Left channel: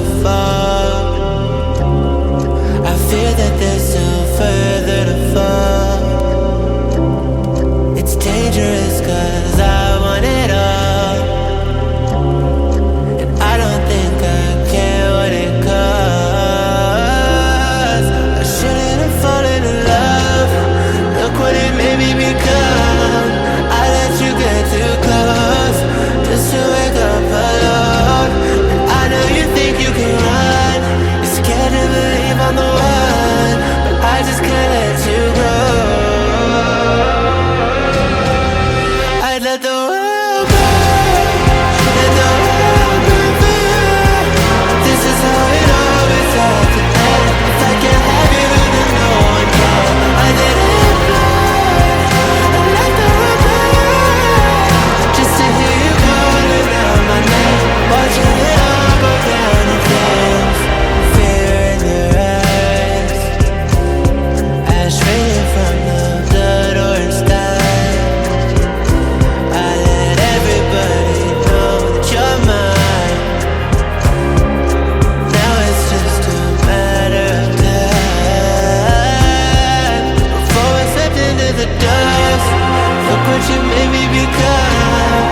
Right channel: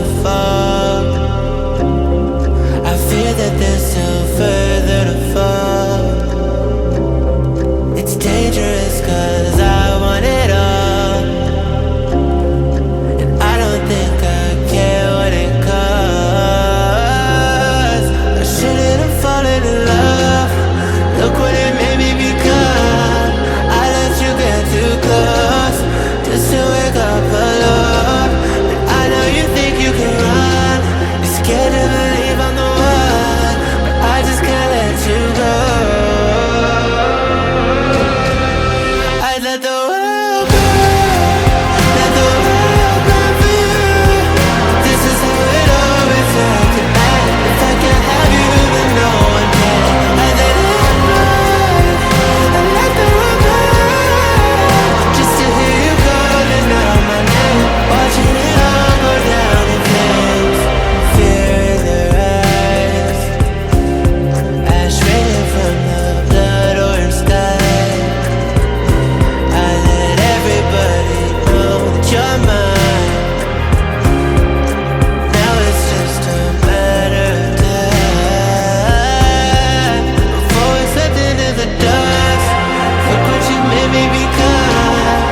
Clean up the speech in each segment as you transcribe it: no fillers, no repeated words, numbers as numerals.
the fog. I fear that there's still further to fall. It's dangerous cause I want it all, and I don't think I care what it costs. I shouldn't have fallen in love. Look what it made me become. I let you get too close just to wake up alone. And I know you think you can run. You're scared to believe I'm the one, but I just can't let you go. I'd let the world burn, let the world burn for you. This is how it always had to end. If I can't have you, then no one can. I'd let it burn and let the world burn, just to hear you calling out my name, watching it all go down in flames. Fear in their eyes, ash raining from the blood orange sky. I let everybody know that you're mine. Now it's just a matter of time before we slipped into the dust. Look what you made me become.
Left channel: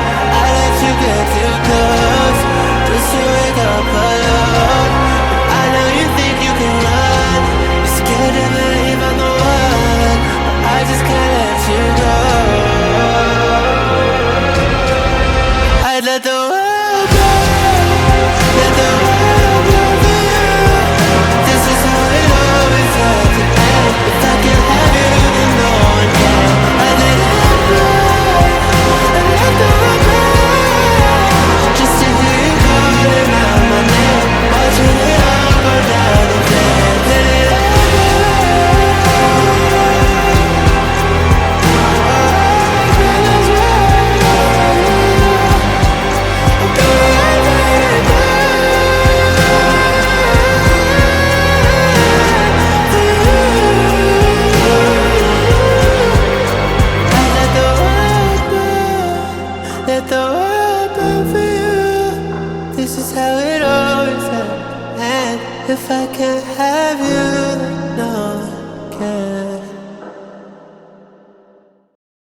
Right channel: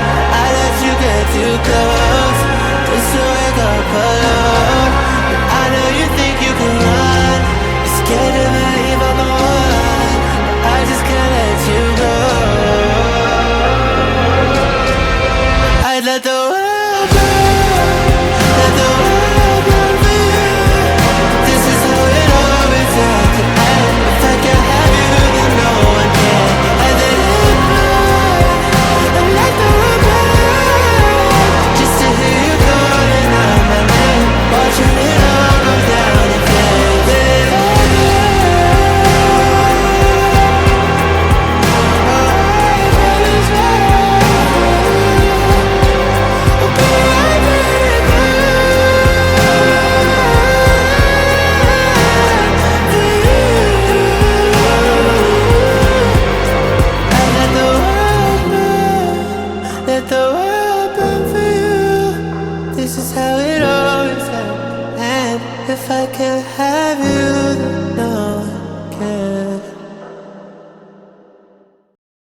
I let you get too close just to wake up alone. And I know you think you can run. You're scared to believe I'm the one, but I just can't let you go. I'd let the world burn, let the world burn for you. This is how it always had to end. If I can't have you, then no one can. I'd let it burn and let the world burn, just to hear you calling out my name, watching it all go down in flames. Let it all burn. Oh, I'd rather swear for you. Okay, I'd let it burn for you. I'd let the world burn, let the world burn for you. This is how it always ends. And if I can't have you, then no one can.